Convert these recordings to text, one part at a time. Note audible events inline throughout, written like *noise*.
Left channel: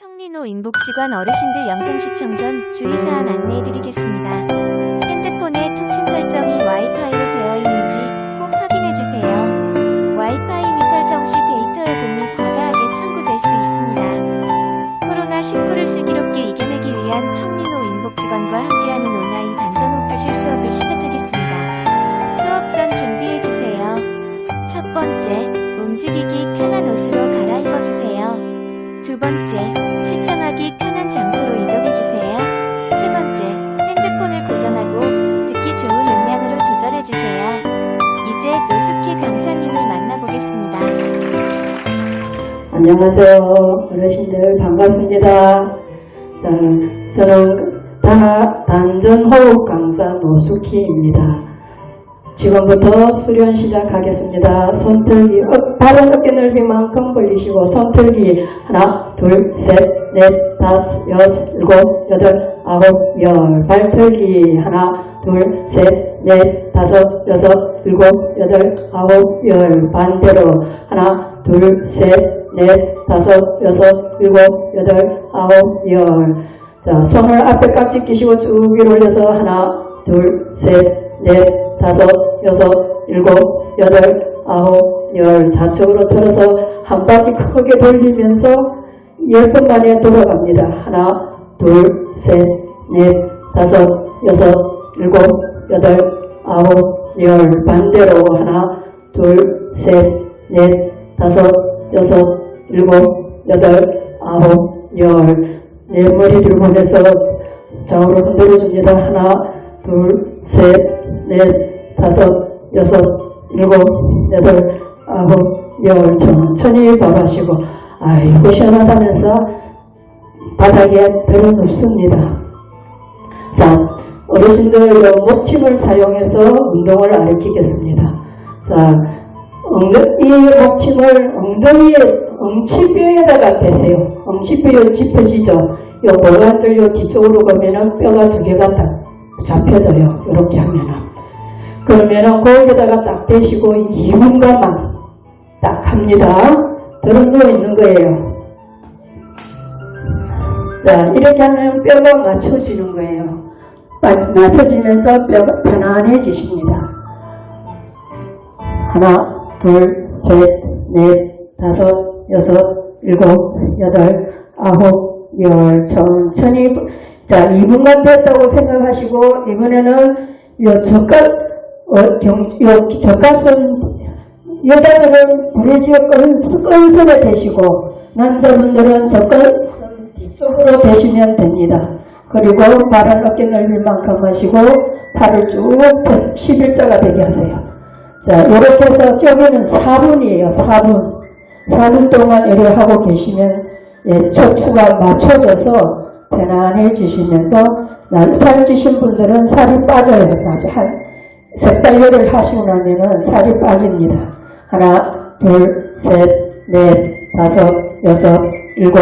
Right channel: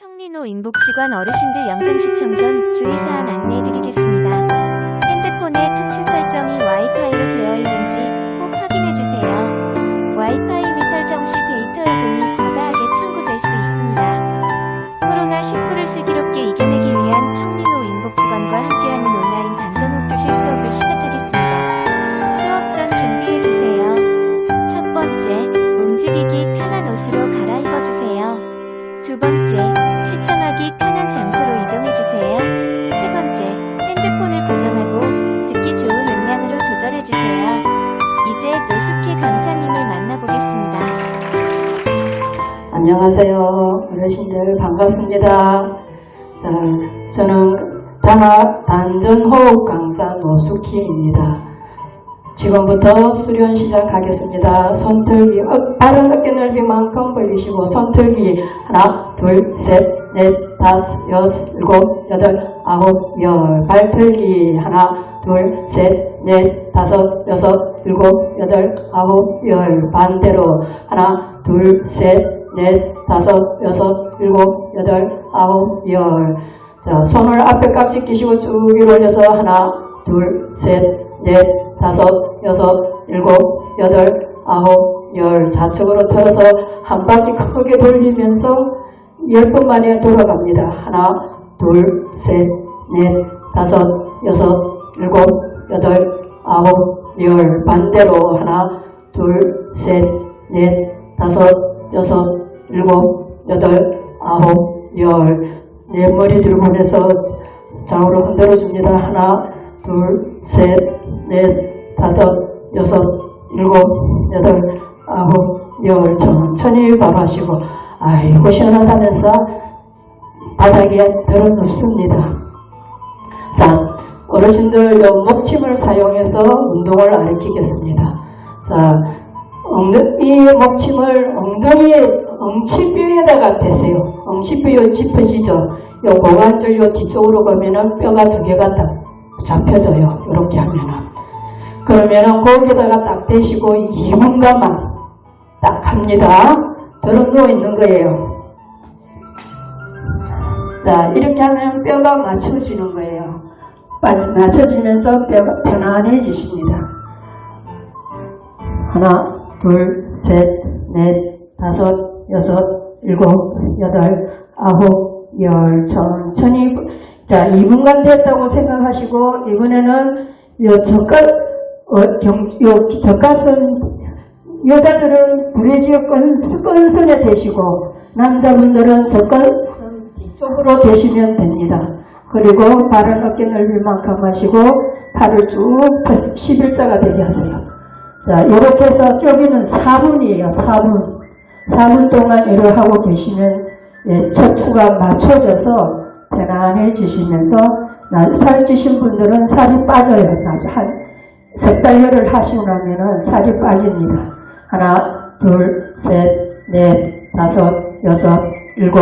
청리노 인복지관 어르신들 영상 시청 전 주의사항 안내해드리겠습니다. 핸드폰의 통신 설정이 와이파이로 되어 있는지 꼭 확인해주세요. 와이파이 미설정 시 데이터 요금이 과다하게 청구될 수 있습니다. 코로나19를 슬기롭게 이겨내기 위한 청리노 인복지관과 함께하는 온라인 단전호 교실 수업을 시작하겠습니다. 수업 전 준비해주세요. 첫 번째, 움직이기 편한 옷으로 갈아입어주세요. 두 번째, 시청하기 편한 장소로 이동해주세요. 세 번째, 핸드폰을 고정하고 듣기 좋은 음량으로 조절해주세요. 이제 노숙희 강사님을 만나보겠습니다. 안녕하세요. 어르신들 반갑습니다. 자, 저는 다 단전호흡 강사 노숙희입니다. 지금부터 수련 시작하겠습니다. 손틀기, 어, 발은 어깨 넓이만큼 벌리시고 손틀기 하나, 둘, 셋, 넷, 다섯, 여섯, 일곱, 여덟, 아홉, 열. 발틀기 하나, 둘, 셋, 넷, 다섯, 여섯, 일곱, 여덟, 아홉, 열. 반대로 하나, 둘, 셋, 넷, 다섯, 여섯, 일곱, 여덟, 아홉, 열. 자, 손을 앞에 깍지 끼시고 쭉 위로 올려서 하나, 둘, 셋, 넷, 다섯, 여섯, 일곱, 여덟, 아홉, 열. 좌측으로 털어서 한 바퀴 크게 돌리면서 열 번 만에 돌아갑니다. 하나, 둘, 셋, 넷, 다섯, 여섯, 일곱, 여덟, 아홉, 열. 반대로 하나, 둘, 셋, 넷, 다섯, 여섯, 일곱, 여덟, 아홉, 열. 네, 머리 들고 해서 좌우로 흔들어줍니다. 하나, 둘, 셋, 넷, 다섯, 여섯, 일곱, 여덟, 아홉, 열. 천천히 밥하시고, 아이고, 시원하다면서 바닥에 별은 없습니다. 자, 어르신들 목침을 사용해서 운동을 가르치겠습니다. 자, 엉덩, 이 목침을 엉덩이에, 엉치뼈에다가 대세요. 엉치뼈 짚어지죠? 이 고관절 요 뒤쪽으로 가면은 뼈가 두 개가 딱 잡혀져요. 이렇게 하면은. 그러면은 거기에다가 딱 대시고 2분간만 딱 합니다. 들어 누워 있는 거예요. 자, 이렇게 하면 뼈가 맞춰지는 거예요. 맞- 맞춰지면서 뼈가 편안해지십니다. 하나, 둘, 셋, 넷, 다섯, 여섯, 일곱, 여덟, 아홉, 열. 천천히. 자, 2분간 됐다고 생각하시고, 이번에는 요 젓갈, 어, 경, 요 젓갈선, 여자들은 끈, 끈선에 대시고, 남자분들은 젓갈선 뒤쪽으로 대시면 됩니다. 그리고 발을 어깨 넓을 만큼 하시고, 팔을 쭉 펴서 11자가 되게 하세요. 자, 이렇게 해서 여기는 4분이에요, 4분. 4분 동안 이렇게 하고 계시면, 예, 척추가 맞춰져서 편안해지시면서, 나- 살 찌신 분들은 살이 빠져요. 한, 석 달열을 하시고 나면은 살이 빠집니다. 하나, 둘, 셋, 넷, 다섯, 여섯, 일곱,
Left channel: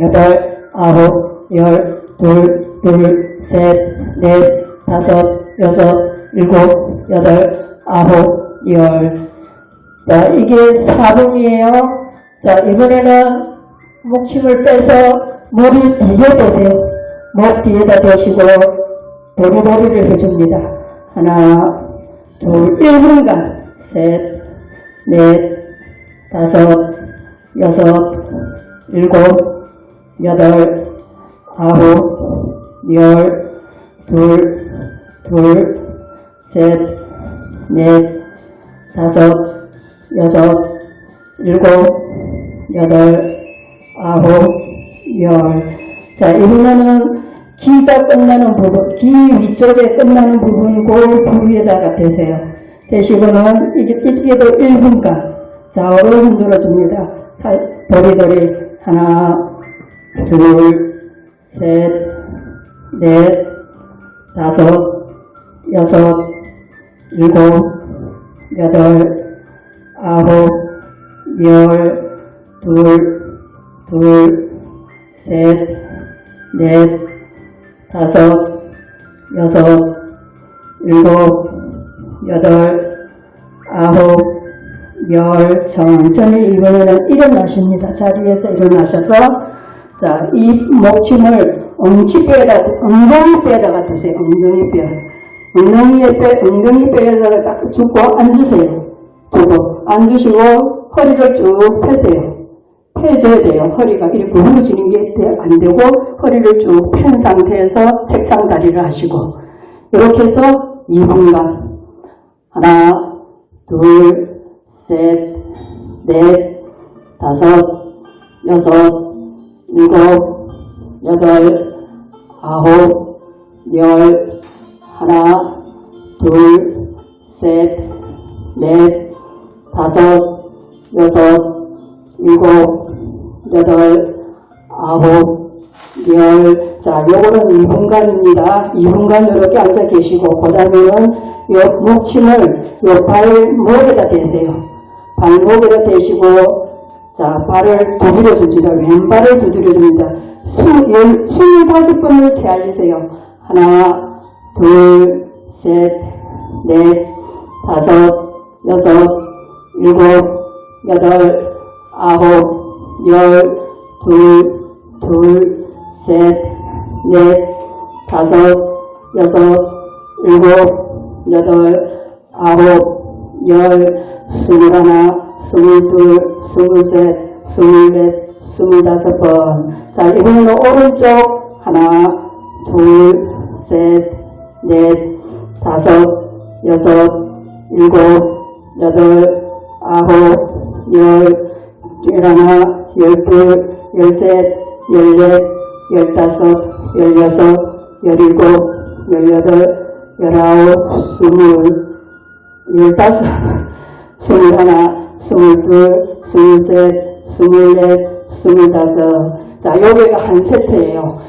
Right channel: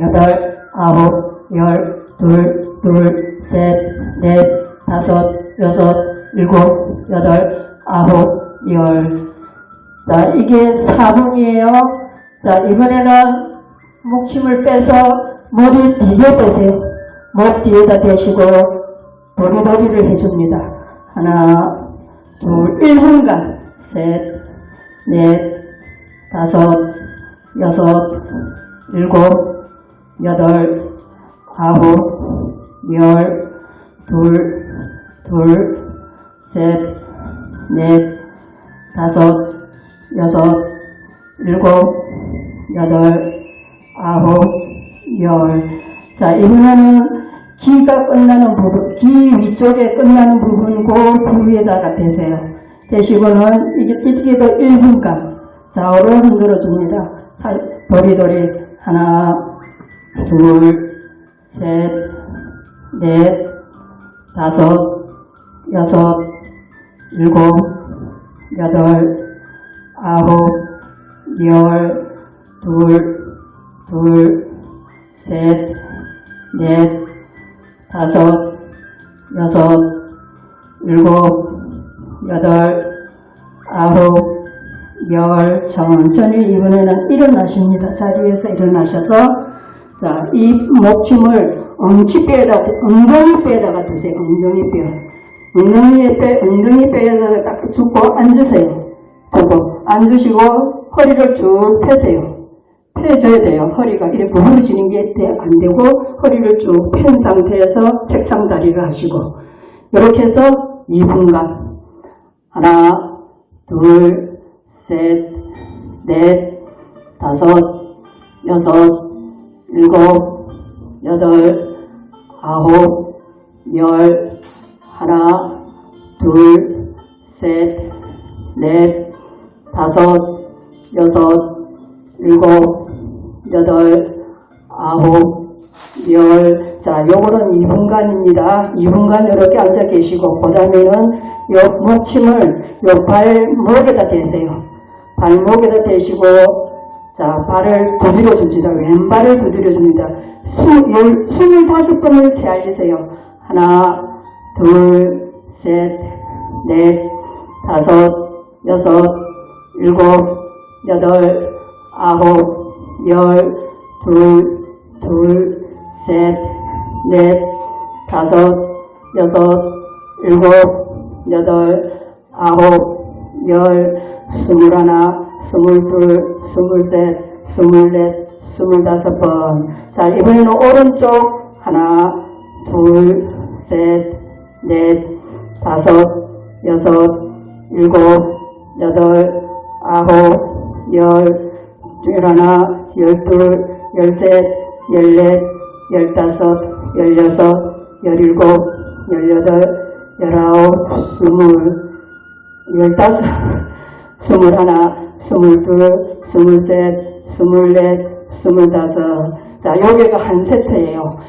여덟, 아홉, 열, 둘, 둘, 셋, 넷, 다섯, 여섯, 일곱, 여덟, 아홉, 열. 자, 이게 4분이에요. 자, 이번에는 목침을 빼서 머리 뒤에 대세요. 목 뒤에다 대시고 머리머리를 해줍니다. 하나, 둘, 1분간. 셋, 넷, 다섯, 여섯, 일곱, 여덟, 아홉, 열, 둘, 둘, 셋, 넷, 다섯, 여섯, 일곱, 여덟, 아홉, 열. 자, 이번에는 기가 끝나는 부분, 기 위쪽에 끝나는 부분, 그 부위에다가 대세요. 대시고는 이게, 이게도 1분간 좌우로 흔들어 줍니다. 도리도리 하나, 둘, 셋, 넷, 다섯, 여섯, 일곱, 여덟, 아홉, 열, 둘, 둘, 셋, 넷, 다섯, 여섯, 일곱, 여덟, 아홉, 열, 천천히 이번에는 일어나십니다. 자리에서 일어나셔서 자, 이 목침을 엉치뼈에다, 엉덩이뼈에다가 두세요. 엉덩이뼈. 엉덩이에 뼈, 엉덩이뼈에다가 딱 줍고 앉으세요. 두고 앉으시고 허리를 쭉 펴세요. 펴줘야 돼요. 허리가. 이렇게 구부러지는 게 안 되고 허리를 쭉 편 상태에서 책상 다리를 하시고. 이렇게 해서 2분간 하나, 둘, 셋, 넷, 다섯, 여섯, 일곱, 여덟, 아홉, 열, 하나, 둘, 셋, 넷, 다섯, 여섯, 일곱, 여덟, 아홉, 열. 자, 요거는 2분간입니다. 2분간 이렇게 앉아 계시고, 그 다음에는 요 목침을 요 발목에다 대세요. 발목에다 대시고, 자, 발을 두드려 줍니다. 왼발을 두드려 줍니다. 수, 열, 25번을 세아주세요. 하나, 둘, 셋, 넷, 다섯, 여섯, 일곱, 여덟, 아홉, 열, 둘, 둘, 셋, 넷, 다섯, 여섯, 일곱, 여덟, 아홉, 열, 스물하나, 스물둘, 스물셋, 스물넷, 스물다섯 번. 자, 이번에는 오른쪽 하나, 둘, 셋, 넷, 다섯, 여섯, 일곱, 여덟, 아홉, 열, 열하나, 열둘, 열셋, 열넷, 열다섯, 열여섯, 열일곱, 열여덟, 열아홉, 스물, 열다섯, 스물하나, 스물둘, 스물셋, 스물넷, 스물다섯. 자, 여기가 한 세트예요.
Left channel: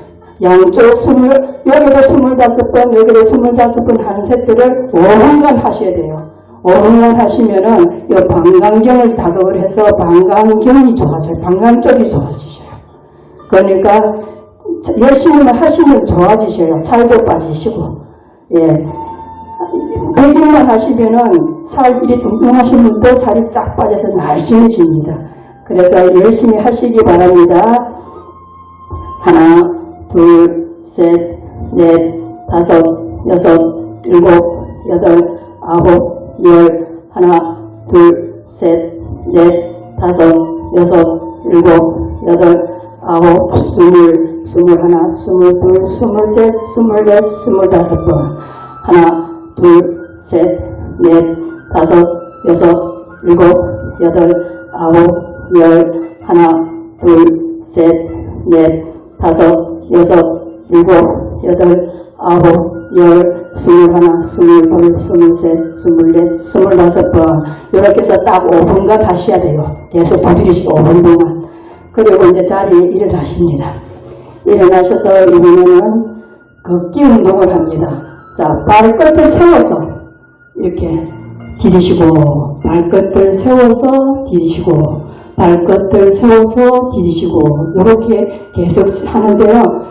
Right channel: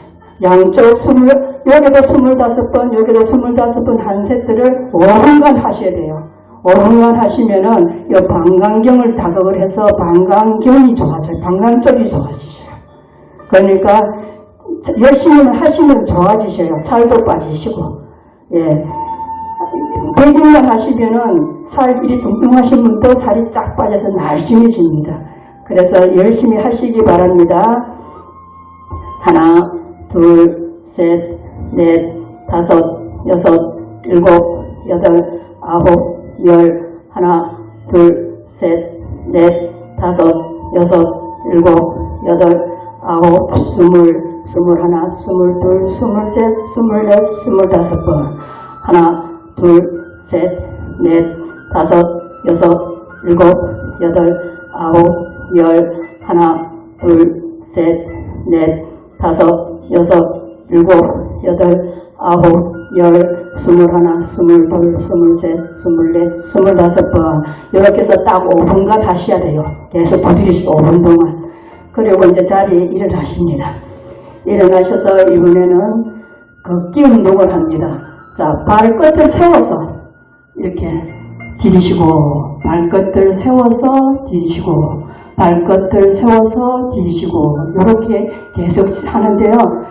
양쪽 스물, 여기도 스물다섯 번, 여기도 스물다섯 번 한 세트를 5분간 하셔야 돼요. 5분간 하시면은 이 방광경을 자극을 해서 방광경이 좋아져요. 방광 쪽이 좋아지셔요. 그러니까 열심히 하시면 좋아지셔요. 살도 빠지시고. 예. 100일만 하시면은 살 이리 뚱뚱하신 분도 살이 쫙 빠져서 날씬해집니다. 그래서 열심히 하시기 바랍니다. 하나, 둘, 셋, 넷, 다섯, 여섯, 일곱, 여덟, 아홉, 열, 하나, 둘, 셋, 넷, 다섯, 여섯, 일곱, 여덟, 아홉, 스물, 스물하나, 스물둘, 스물셋, 스물넷, 스물다섯 번. 하나, 둘, 셋, 넷, 다섯, 여섯, 일곱, 여덟, 아홉, 열, 하나, 둘, 셋, 넷, 다섯, 여섯, 일곱, 여덟, 아홉, 열, 스물하나, 스물둘, 스물셋, 스물넷, 스물다섯 번. 이렇게 해서 딱 5분간 하셔야 돼요. 계속 두드리시고 5분 동안. 그리고 이제 자리에 일어나십니다. 일어나셔서 이번에는 걷기 운동을 합니다. 자, 발끝을 세워서 이렇게 디디시고, 발끝을 세워서 디디시고, 발끝을 세워서 디디시고, 이렇게 계속 하는데요.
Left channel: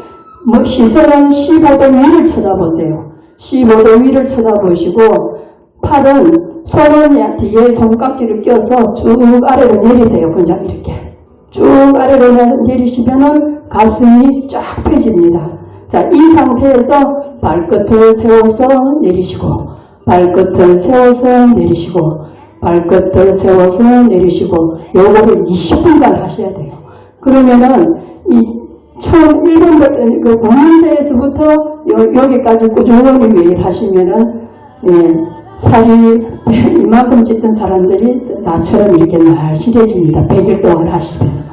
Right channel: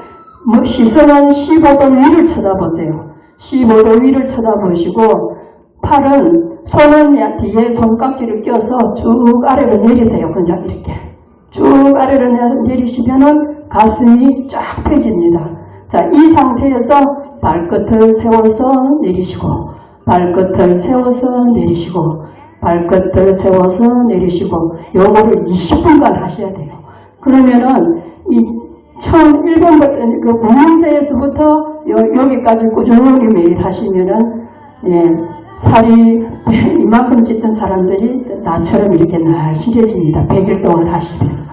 뭐 시선은 15도 위를 쳐다보세요. 15도 위를 쳐다보시고, 팔은, 손은 뒤에 손깍지를 껴서 쭉 아래로 내리세요. 그냥 이렇게. 쭉 아래로 내리시면은 가슴이 쫙 펴집니다. 자, 이 상태에서 발끝을 세워서 내리시고, 발끝을 세워서 내리시고, 발끝을 세워서 내리시고, 요거를 20분간 하셔야 돼요. 그러면은, 이, 처음 1번부터, 그 문제에서부터 여 기까지 꾸준히 매일 하시면은, 예, 살이 *laughs* 이만큼 찌던 사람들이 나처럼 이렇게 날씬해집니다. 100일 동안 하시면.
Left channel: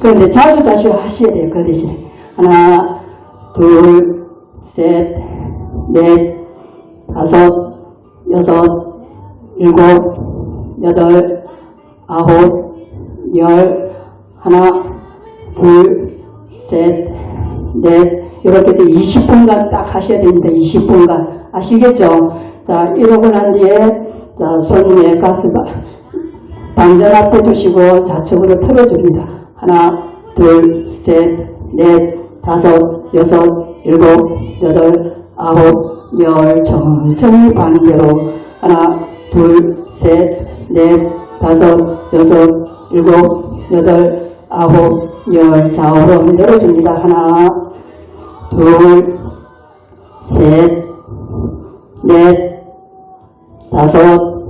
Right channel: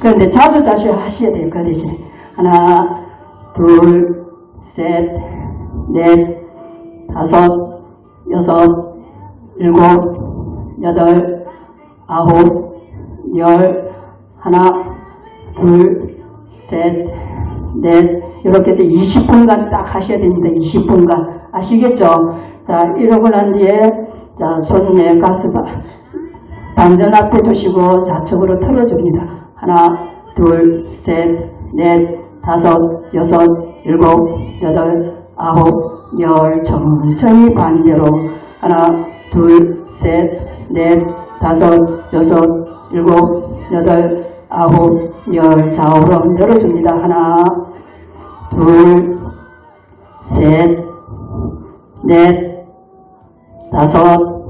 그런데 자주 자주 하셔야 돼요. 그 대신에. 하나, 둘, 셋, 넷, 다섯, 여섯, 일곱, 여덟, 아홉, 열, 하나, 둘, 셋, 넷, 이렇게 해서 20분간 딱 하셔야 됩니다. 20분간. 아시겠죠? 자, 이러고 난 뒤에, 자, 손에 가슴, 반전 앞에 두시고 좌측으로 틀어줍니다. 하나, 둘, 셋, 넷, 다섯, 여섯, 일곱, 여덟, 아홉, 열, 천천히 반대로. 하나, 둘, 셋, 넷, 다섯, 여섯, 일곱, 여덟, 아홉, 열 좌우로 흔들어줍니다. 하나, 둘, 셋, 넷, 다섯,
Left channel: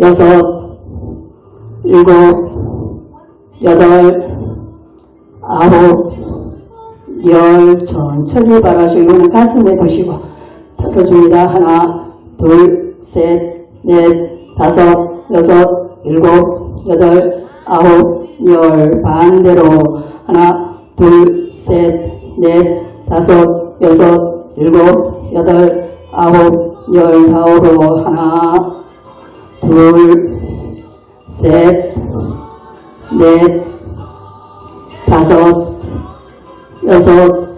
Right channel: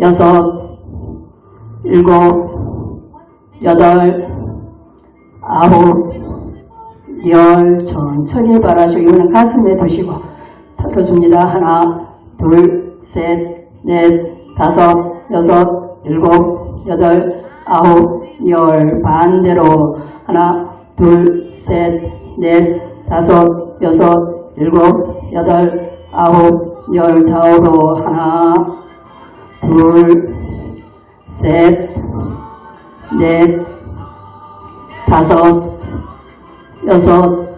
여섯, 일곱, 여덟, 아홉, 열 천천히 바라시고 가슴에 두시고 털어줍니다. 하나, 둘, 셋, 넷, 다섯, 여섯, 일곱, 여덟, 아홉, 열 반대로 하나, 둘, 셋, 넷, 다섯, 여섯, 일곱, 여덟, 아홉, 열 좌우로 하나, 둘, 셋, 넷, 다섯, 여섯,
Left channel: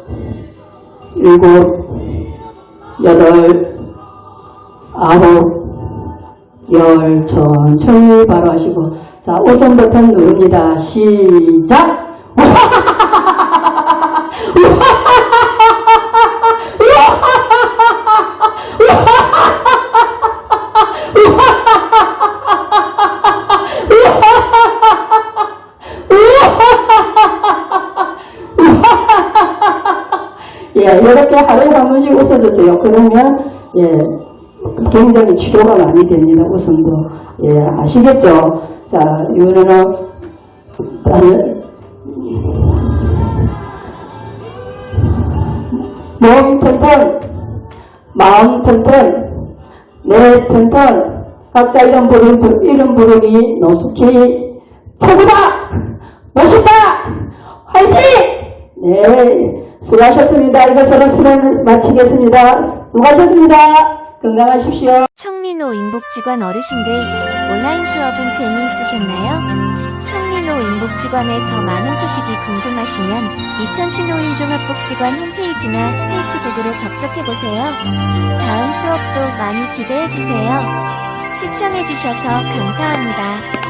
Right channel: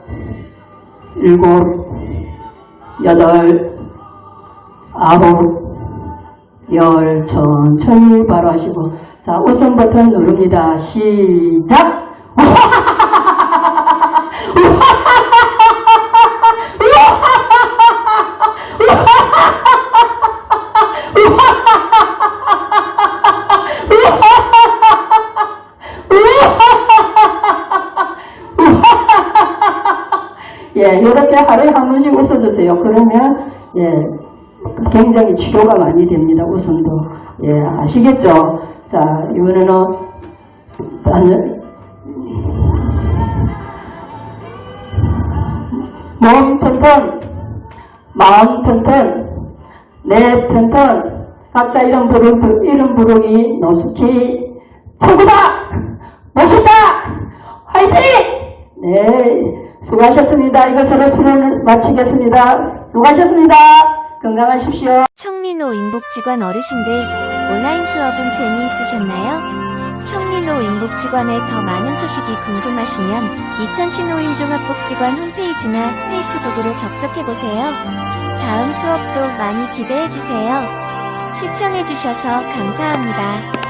일곱, 여덟, 아홉, 열 천천히 바로 하시고 자 우선 버튼 누릅니다. 시작! 예, 이렇게 하루에 한 번씩 웃어주세요. 그러면, 예, 굉장히 치료가 많이 됩니다. 웃음도. 예, 아시겠죠? 자, 한- 몸 튼튼, 마음 튼튼, 내 튼튼, 각자 이름 부르, 이름 부르기 노숙히 최고다! 멋있다! 화이팅! 네, 수고하셨습니다. 이것으로 수련을 마치겠습니다. 수고하셨습니다. 건강하십시오. 청리노 인복지관 어르신들 온라인 수업은 재미있으셨나요? 청리노 인복지관의 더 많은 소식이 궁금하시면 이천시 노인 종합복지관 홈페이지나 페이스북으로 접속해보세요. 다음 수업도 많이 기대해주세요. 시청해주셔서 감사합니다.